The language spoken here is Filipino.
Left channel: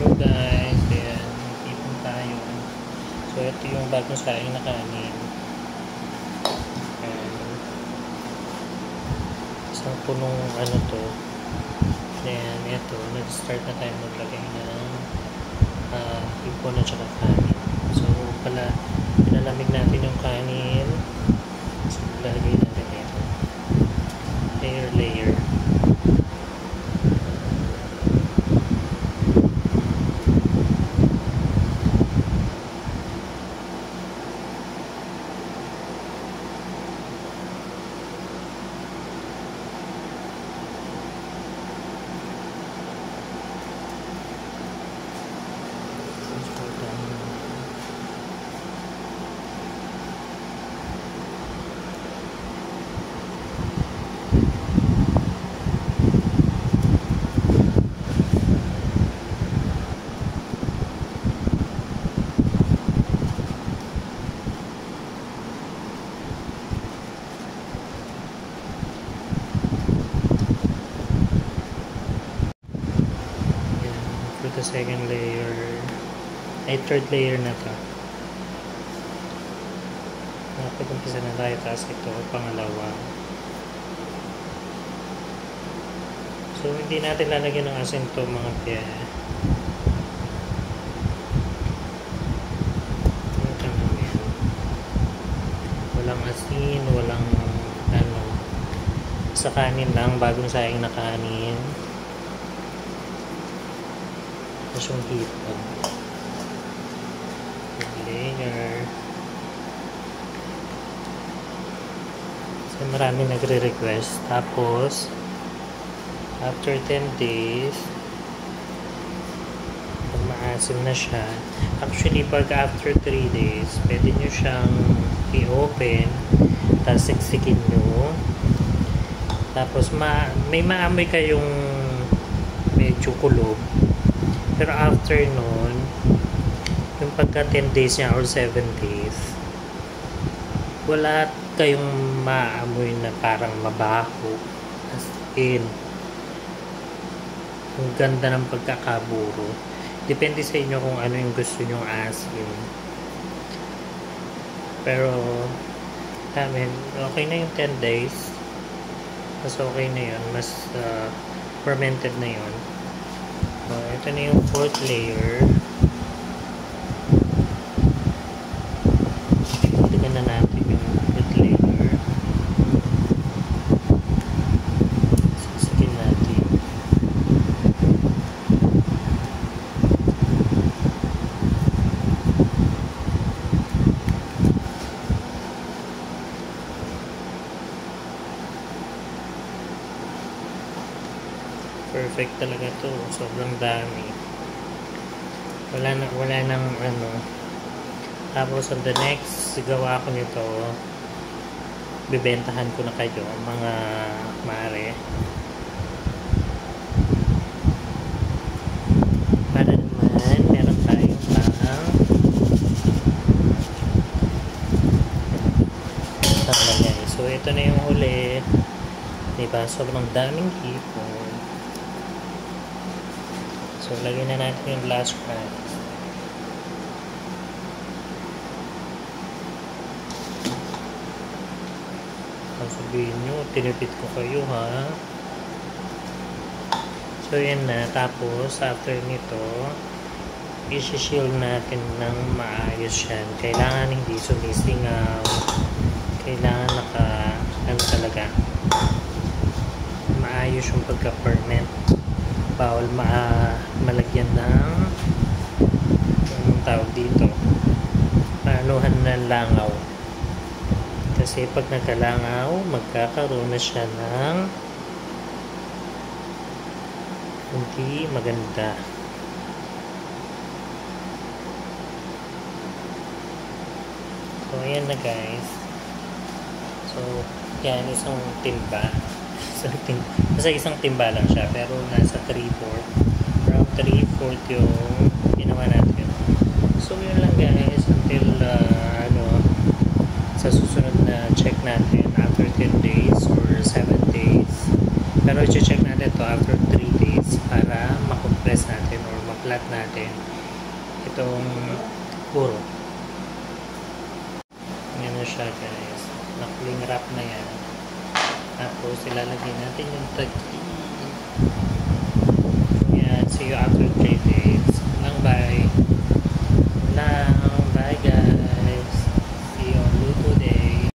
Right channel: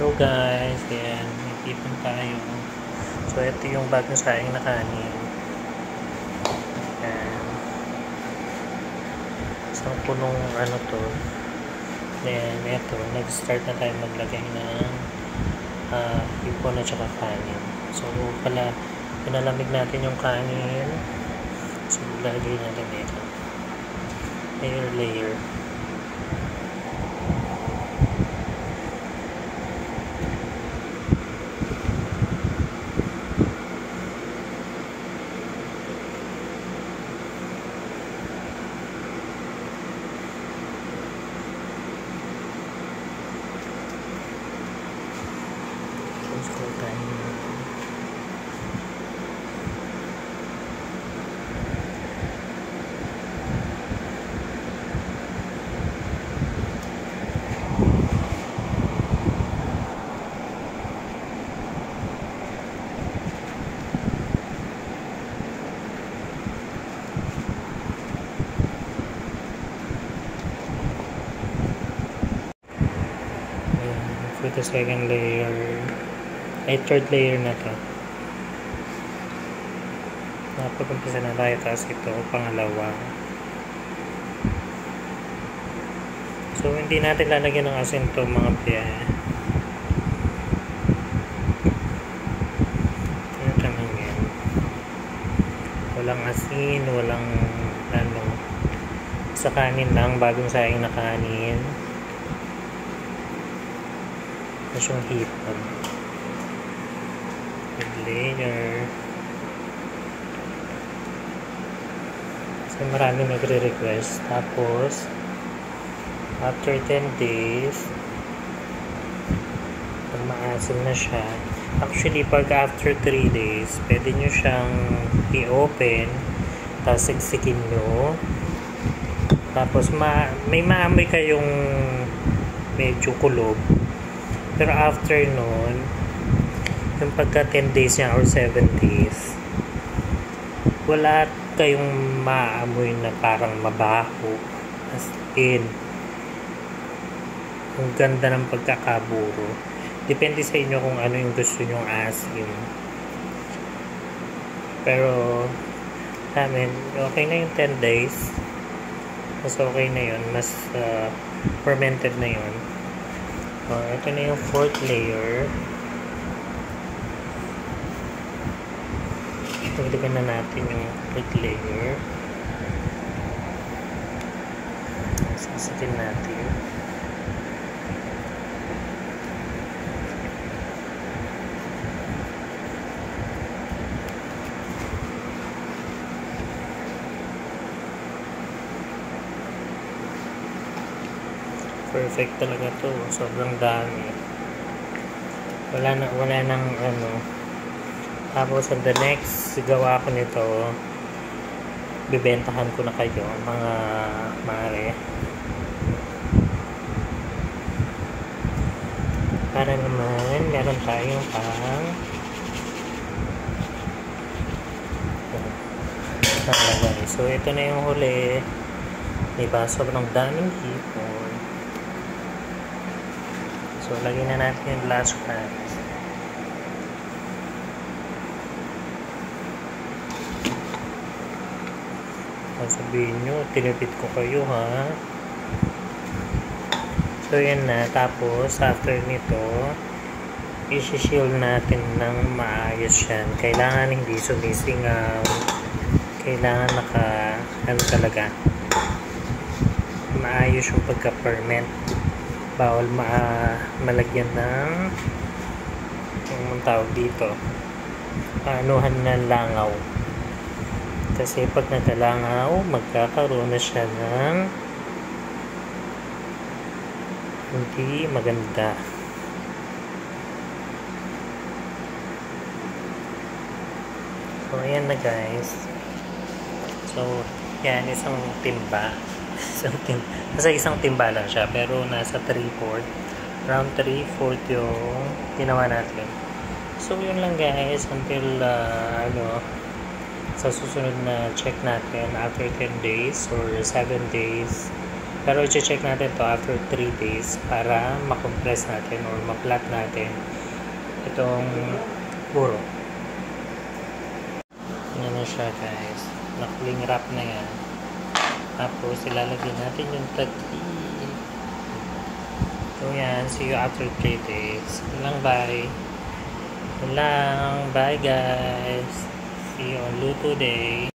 Hello guys, ayan, dito tayo. So ito yung bagong saing na kanin. Ayan. Isang punong ano to. Ayan, ito, nag-start na tayo maglagay ng hipon at saka kanin. So pala, pinalamig natin yung kanin. So lagay natin dito. Layer. Scroll tayo. For the second layer, ay third layer na to. Napag-umpisa na tayo, tapos ito pangalawa. So hindi natin lalagyan ng asin to mga pia. Ano tanong yan? Walang asin, walang ano, sa kanin lang, bagong saing na kanin. Tapos yung hipon. Layer. So marami nagre-request. Tapos after 10 days, kung maasim na siya, actually pag after 3 days, pwede nyo siyang i-open, tapos siksikin nyo, tapos may maamoy kayong medyo kulob, pero after nun, yung pagka 10 days niya or 7 days, wala kayong maamoy na parang mabaho, as in ang ganda ng pagkakaburo. Depende sa inyo kung ano yung gusto nyong asim, pero amin, okay na yung 10 days, mas okay na yun, mas fermented na yun. So ito na yung fourth layer. Dagdagan na natin yung fourth layer. Sasakin natin. Perfect talaga to, sobrang dami. Wala nang ano. Tapos on the next gawa ko nito, bibentahan ko na kayo mga mare. Para naman meron tayong panglagay. So ito na yung huli, diba, sobrang daming hipon. So lagyan na natin yung last one. Sabihin nyo, tinipid ko kayo ha. So yan na. Tapos after nito, isi-shield natin ng maayos yan. Kailangan hindi sumisingaw. Kailangan ano talaga, maayos yung pagka-ferment. Bawal malagyan ng yung tawag dito, anuhan ng langaw. Kasi pag nagkalangaw, magkakaroon na siya ng hindi maganda. So ayan na guys. So yan, isang timba. Isang timba lang siya, pero nasa 3/4, around 3/4 yung ginawa natin. So yun lang guys, until sa susunod na check natin after 10 days or 7 days, Pero i-check natin to after 3 days para makompress natin or ma-plat natin itong puro. Yan na siya guys. Nakling wrap na yan. Tapos ilalagay natin yung taki. So yan. See you after 3 days. Lang bye. Bye guys. See you on Luto Day.